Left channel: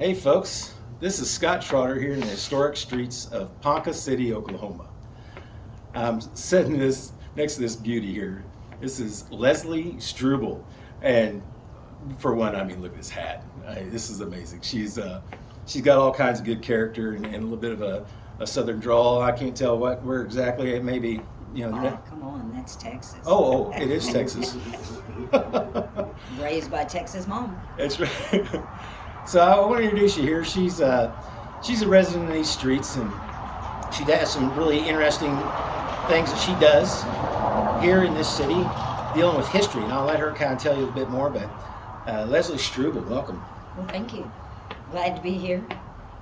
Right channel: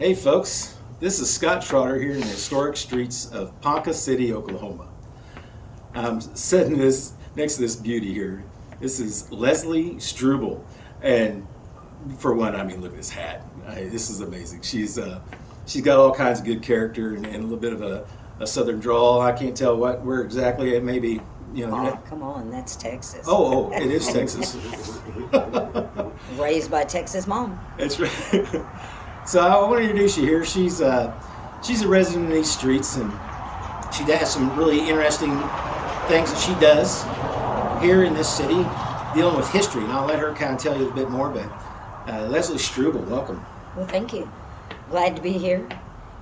Hey folks, this is Scott Trotter here in the historic streets of Ponca City, Oklahoma. I'm sitting next to this beauty here. This is Leslie Struble, and for one, I mean, look at this hat. This is amazing. She's got all kinds of good character and a little bit of a southern drawl. I can't tell where exactly it may be. Oh, come on, that's Texas. Oh, it is Texas. Raised by Texas mom. That's right. So I want to introduce you here. She's a resident of these streets, and she has some really interesting things that she does here in this city, dealing with history. And I'll let her kind of tell you a bit more. But Leslie Struble, welcome. Well, thank you. Glad to be here.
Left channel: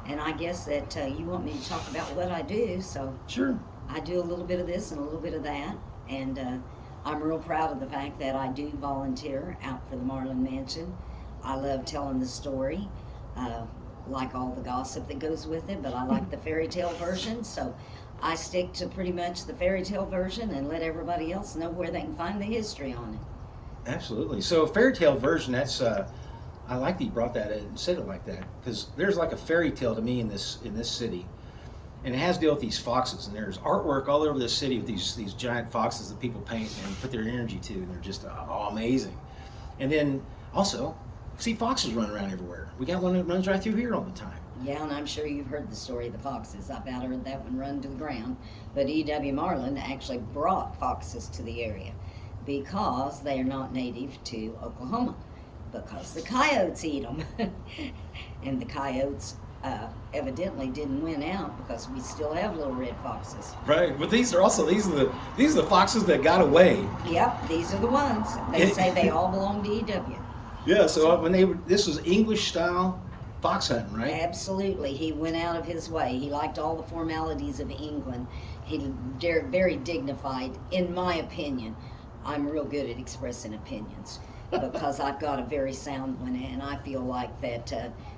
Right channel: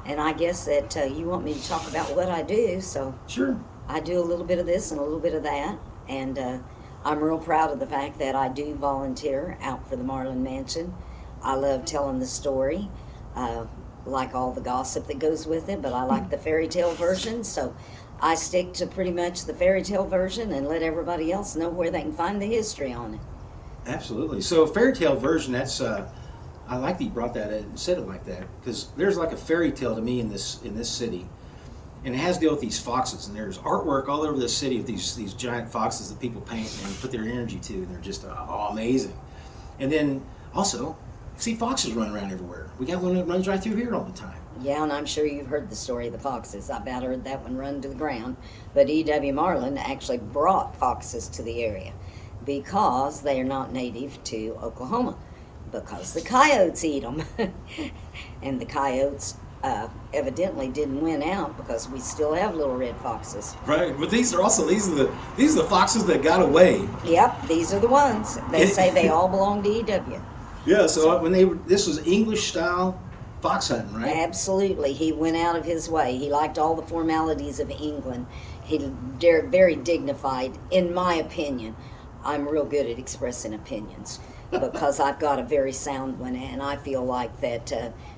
And I guess that you want me to talk about what I do, so Sure. I do a little bit of this and a little bit of that. And I'm real proud of the fact that I do volunteer out for the Marlin Mansion. I love telling the story, like all the gossip that goes with it, but I like the fairy tale version, so I stick to pretty much the fairy tale version and let everybody else know where they can find the history on it. Absolutely. So fairy tale version, that's I like that you brought that in and said it like that, because there's like a fairy tale to me in this city. And it has to deal with these foxes, and there's artwork all over the city of these giant foxes that people paint and put their energy to, and they're just amazing. And then also, see foxes run around everywhere. We got one that runs right through here all the time. Yeah, and I'm sure you've heard the story of the foxes. I about heard that one run to the ground. But E.W. Marlin actually brought foxes to the area because they are not native to Oklahoma, because the coyotes eat them. And the coyotes evidently didn't win out, because we still have little red foxes. Right, but these are the foxes that got away. Yep, these are the ones. They say they all belong to E.W. Yeah, so this was English style fox hunting, right? Absolutely. He went out of his way. He liked all the formalities of England. He very dignified, in my opinion. I'm real good at expressing opinions because I've got a very sound one, and I feel like that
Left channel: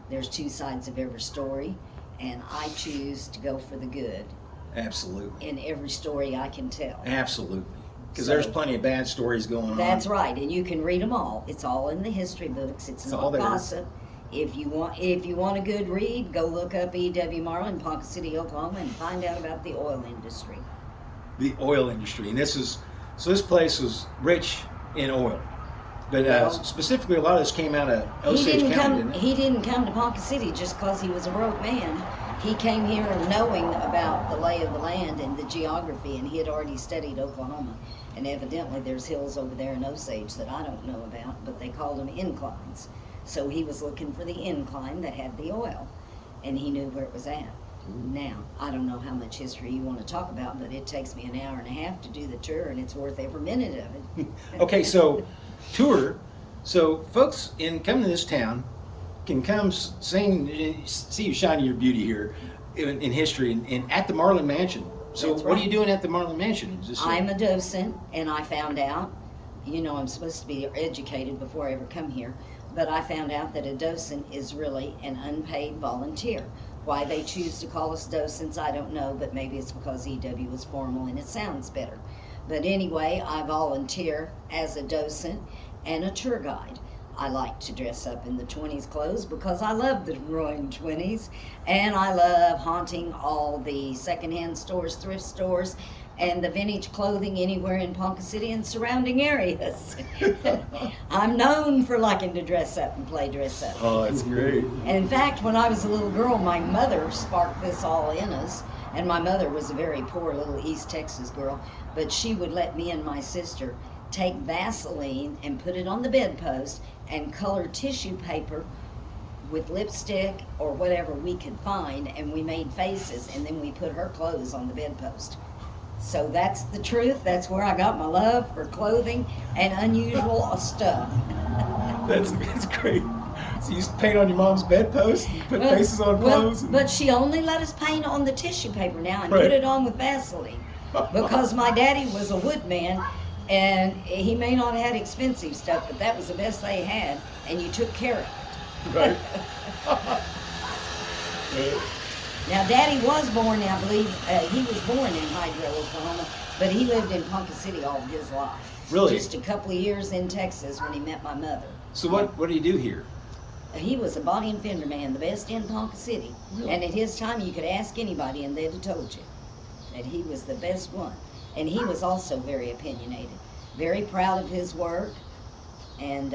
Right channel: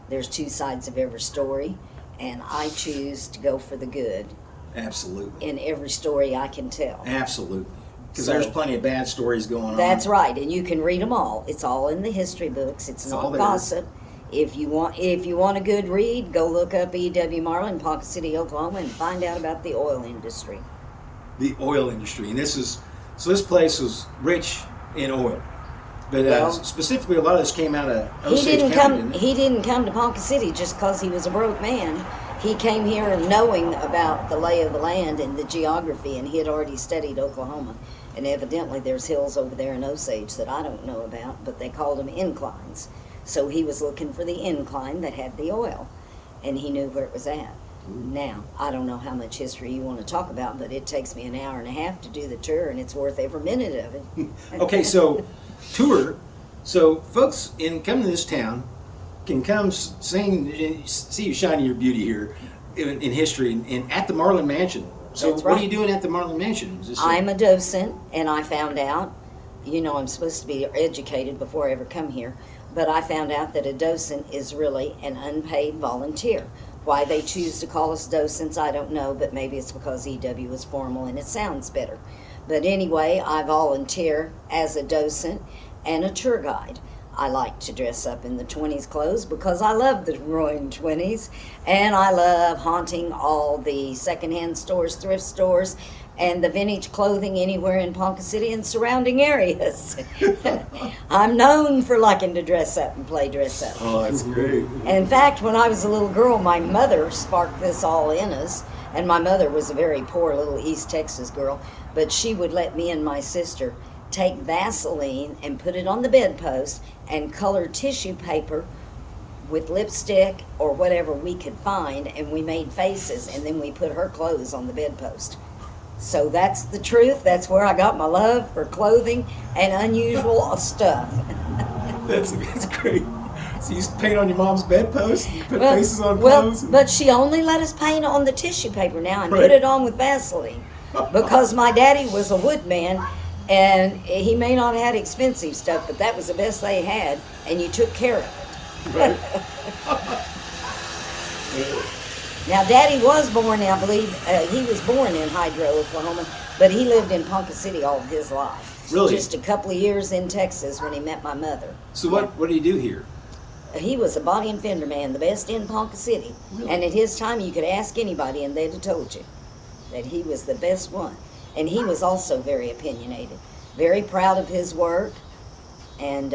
there's two sides of every story, and I choose to go for the good. Absolutely. In every story I can tell. Absolutely. Because there's plenty of bad stories going on. That's right, and you can read them all. It's all in the history books. It's not gossip. If you want a good read, go look up E.W. Marlin, Ponca City, Oklahoma, and find out about the oil industry. The oil industry, and this place was rich in oil. But specifically, a lot of this came out of Osage County, didn't it? He didn't come to Ponca City just because he was a broke man. He came here knowing about the lay of the land and the geography, and he had already studied Oklahoma. And evidently there's hills over there in Osage that I don't know about, but they called them inclines. So he was looking for the incline that had the oil, and he knew where it was at. Now, I don't know how much history you want to talk about, but it takes me an hour and a half to do the tour, and it's worth every minute of it. Okay, so tour. So folks coming to this town can come see you shining your beauty here in history and at the Marlin Mansion. So That's what right. are you doing at the Marlin Mansion? I'm a docent, and I found out, I'm supposed to be educated before I ever come here, but I found out that a docent is really an unpaid volunteer. Why they choose to call us docents, I don't know, but maybe it's because EW is formal and it sounds better. But anyway, I volunteer as a docent and a tour guide. I like to dress up in the 20s clothes because I love the roaring 20s, and I love haunting all the secondhand stores, thrift stores, and the vintage clothing anywhere in Ponca City and surrounding areas. I'm known for liking to dress up and play dress up. Oh, that's great. In fact, when I was a little girl, my mother sparked this all in us, and my mother was a very poor little East Texas girl, but she would let me and my sister take Vaseline and put it on the bedpost and color tissue paper with lipstick or whatever we could find, and we made faces, and then we put her clothes on the bedpost. So that's the truth. That's where I got my love for clothing and unusual stuff. That's great. So you used to paint on your mom's bedpost and put faces on clothes? But she only let us paint on the tissue paper now and Right. put it on with Vaseline. Because my daddy was a woodman, and he may not have had expensive stuff, but that was the best they had, and you took care of it. Right. Now, Daddy was born, I believe, he was born in Hydro, Oklahoma, but he lived in Ponca City all of his life. Really? Just a couple of years in Texas when he met my mother. So what do you do here? He was a body and fender man, the best in Ponca City. Really? And at his time, you could ask anybody and they'd have told you that he was the best one. And he was also very opinionated, very proud of his work. And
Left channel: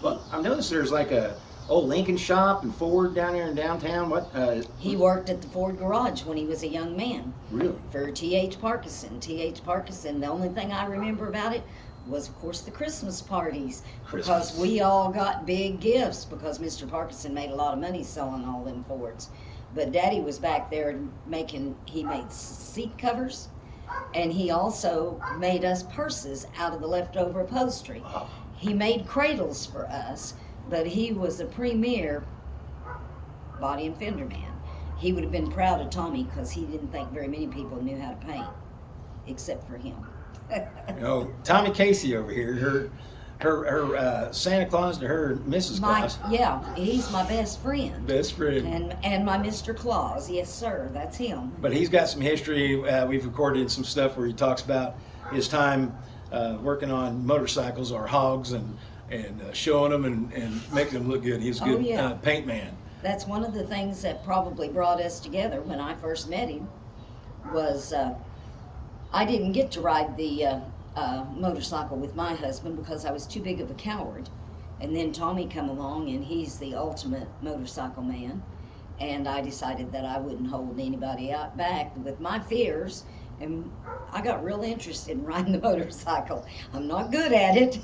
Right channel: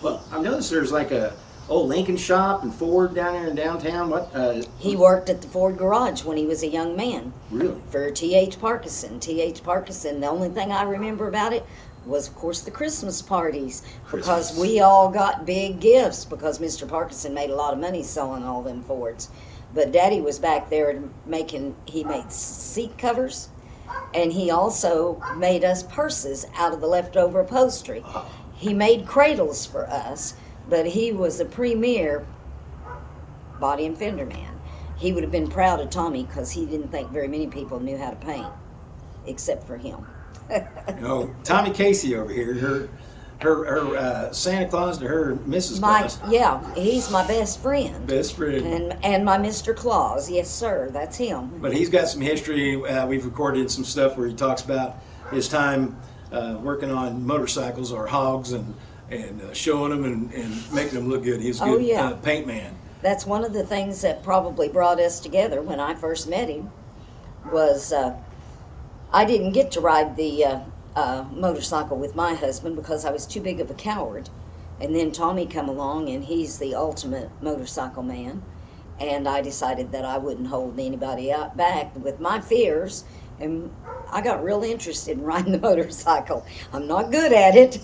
Well, I've noticed there's like a old Lincoln shop and Ford down there in downtown. What? he worked at the Ford garage when he was a young man Really? for T.H. Parkinson. T.H. Parkinson, the only thing I remember about it was, of course, the Christmas parties. Because we all got big gifts because Mr. Parkinson made a lot of money selling all them Fords. But Daddy was back there he made seat covers, and he also made us purses out of the leftover upholstery. Wow. He made cradles for us, but he was a premier body and fender man. He would have been proud of Tommy because he didn't think very many people knew how to paint, except for him. You know, Tommy Casey over here, her Santa Claus to her Mrs. Claus. Yeah, he's my best friend. Best friend. And my Mr. Claus, yes sir, that's him. But he's got some history. We've recorded some stuff where he talks about his time working on motorcycles or hogs and showing them and making them look good. He's a good paint man. That's one of the things that probably brought us together when I first met him was I didn't get to ride the motorcycle with my husband because I was too big of a coward. And then Tommy come along and he's the ultimate motorcycle man. And I decided that I wouldn't hold anybody out back with my fears. And I got real interested in riding the motorcycle. I'm not good at it.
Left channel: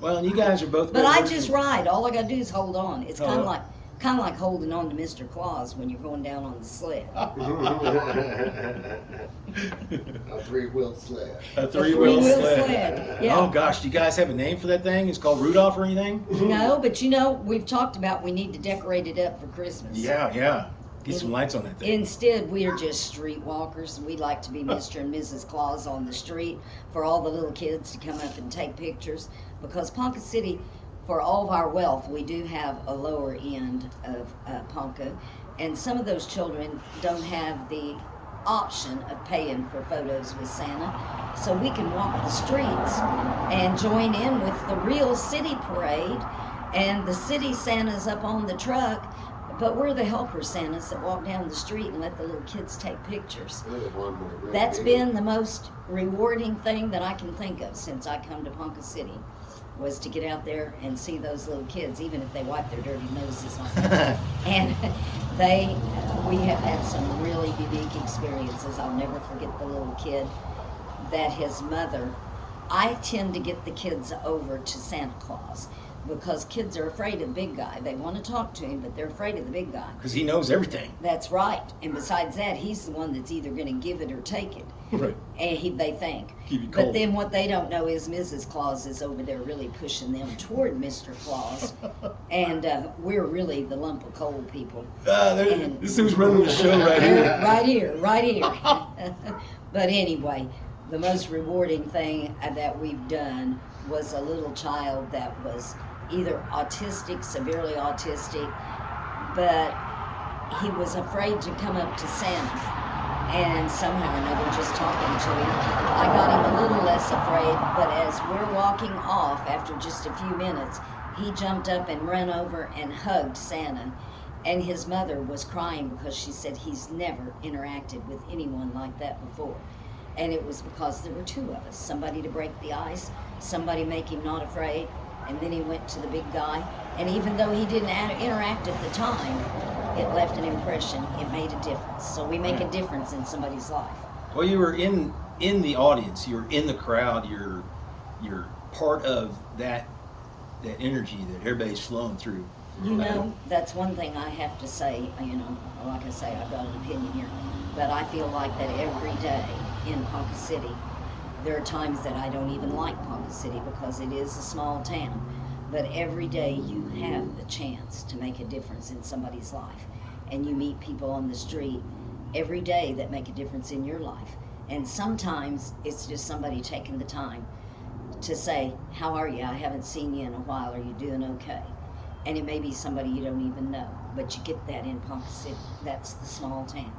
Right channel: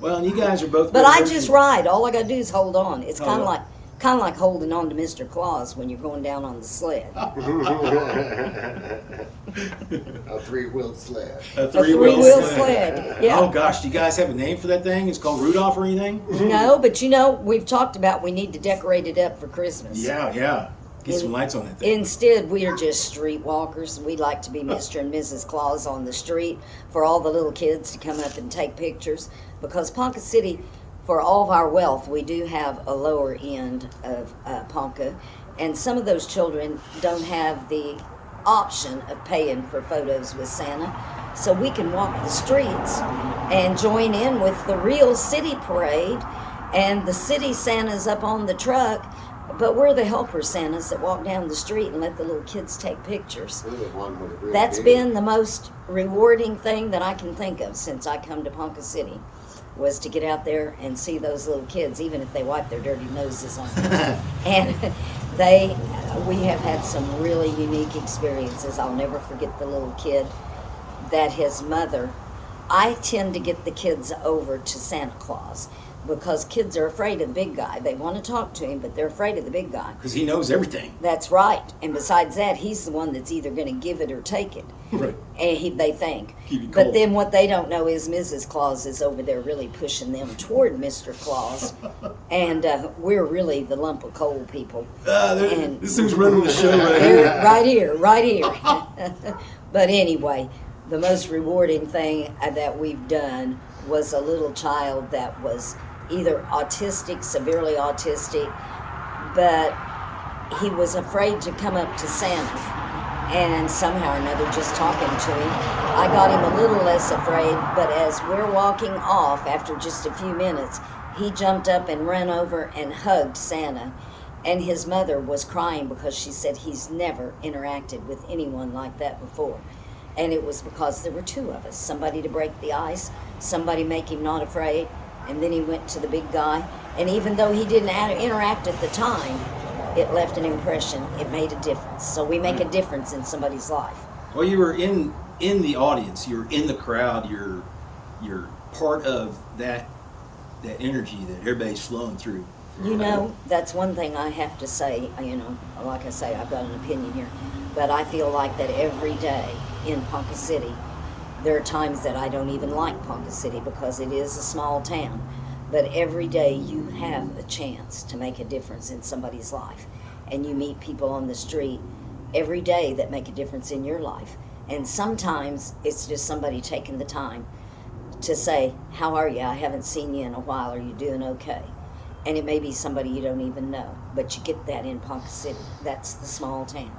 Well, and you guys are both. But I just ride. All I gotta do is hold on. It's kind of like holding on to Mr. Claus when you're going down on the sled. A three-wheeled sled. A three-wheel sled. Yeah. Oh gosh, do you guys have a name for that thing? It's called Rudolph or anything? No, but we've talked about we need to decorate it up for Christmas. Yeah. Get some lights on that thing. Instead, we are just streetwalkers. We like to be Mr. and Mrs. Claus on the street for all the little kids to come up and take pictures. Because Ponca City, for all of our wealth, we do have a lower end of Ponca. And some of those children don't have the option of paying for photos with Santa. So we can walk the streets and join in with the real city parade. And the city Santa's up on the truck. But we're the helper Santas that walk down the street and let the little kids take pictures. That's been the most rewarding thing that I can think of since I come to Ponca City, was to get out there and see those little kids, even if they wipe their dirty noses on them. And we have had some really unique experiences. I'll never forget the little kid that his mother, I tend to get the kids over to Santa Claus. Because kids are afraid of the big guy. They want to talk to him, but they're afraid of the big guy. Because he knows everything. That's right. And besides that, he's the one that's either going to give it or take it. Right. And they think. Keep you cold. But then what they don't know is Mrs. Claus is over there really pushing them toward Mr. Claus. And we're really the lump of coal people. This who's running the show right here. Right here. But anyway, the most rewarding thing that we've done was a little child that was either autistic, severely autistic, but he was afraid to come up to Santa. And somehow or another, just talking to him, I got him a little less afraid, but as we're walking off after just a few minutes, he jumped up and ran over and hugged Santa. And his mother was crying because she said he's never interacted with anyone like that before. And it was because there were two of us, somebody to break the ice, somebody make him not afraid, and then he went to the big guy. And even though he didn't interact at the time, it left an impression. It made a difference. So we make a difference in somebody's life. Well, you were in the audience. You're in the crowd. You're part of that energy that everybody's flowing through. You know, that's one thing I have to say. You know, like I say, I've got an opinion here, but I feel like that every day in Ponca City, there are times that I don't even like Ponca City because it is a small town. But every day you have a chance to make a difference in somebody's life. And you meet people on the street every day that make a difference in your life. And sometimes it's just somebody taking the time to say, how are you? I haven't seen you in a while. Are you doing okay? And it may be somebody you don't even know. But you get that in Ponca City. That's the small town.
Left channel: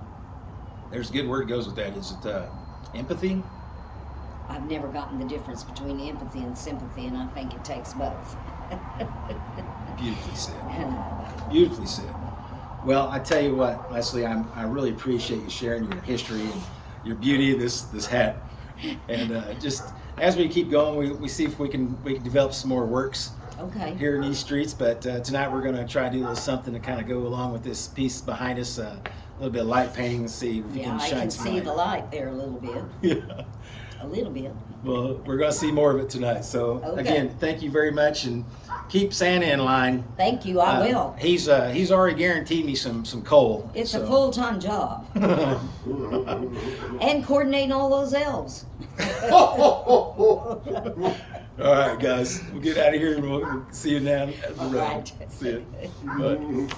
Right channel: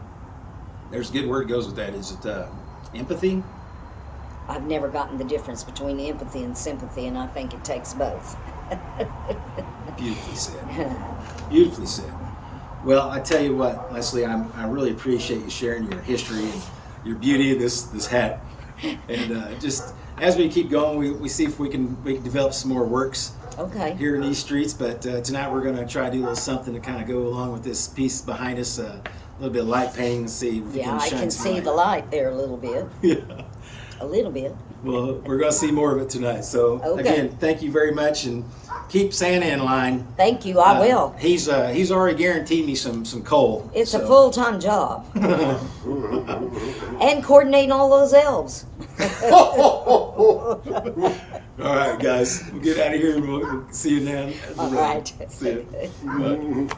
There's a good word goes with that. Is it empathy? I've never gotten the difference between empathy and sympathy, and I think it takes both. Beautifully said. Beautifully said. Well, I tell you what, Leslie, I really appreciate you sharing your history and your beauty of this hat. And just as we keep going, we see if we can develop some more works Okay. here in these streets. But tonight we're going to try to do a little something to kind of go along with this piece behind us, a little bit of light painting, and see if we Yeah, can I shine can some see light. the light there a little bit. Yeah. A little bit. Well, we're going to see more of it tonight. So Okay. again, thank you very much, and keep Santa in line. Thank you. I will. He's already guaranteed me some coal. It's a so. full-time job. And coordinating all those elves. All right, guys, we'll get out of here and we'll see you now at the All road. right. See you. Bye.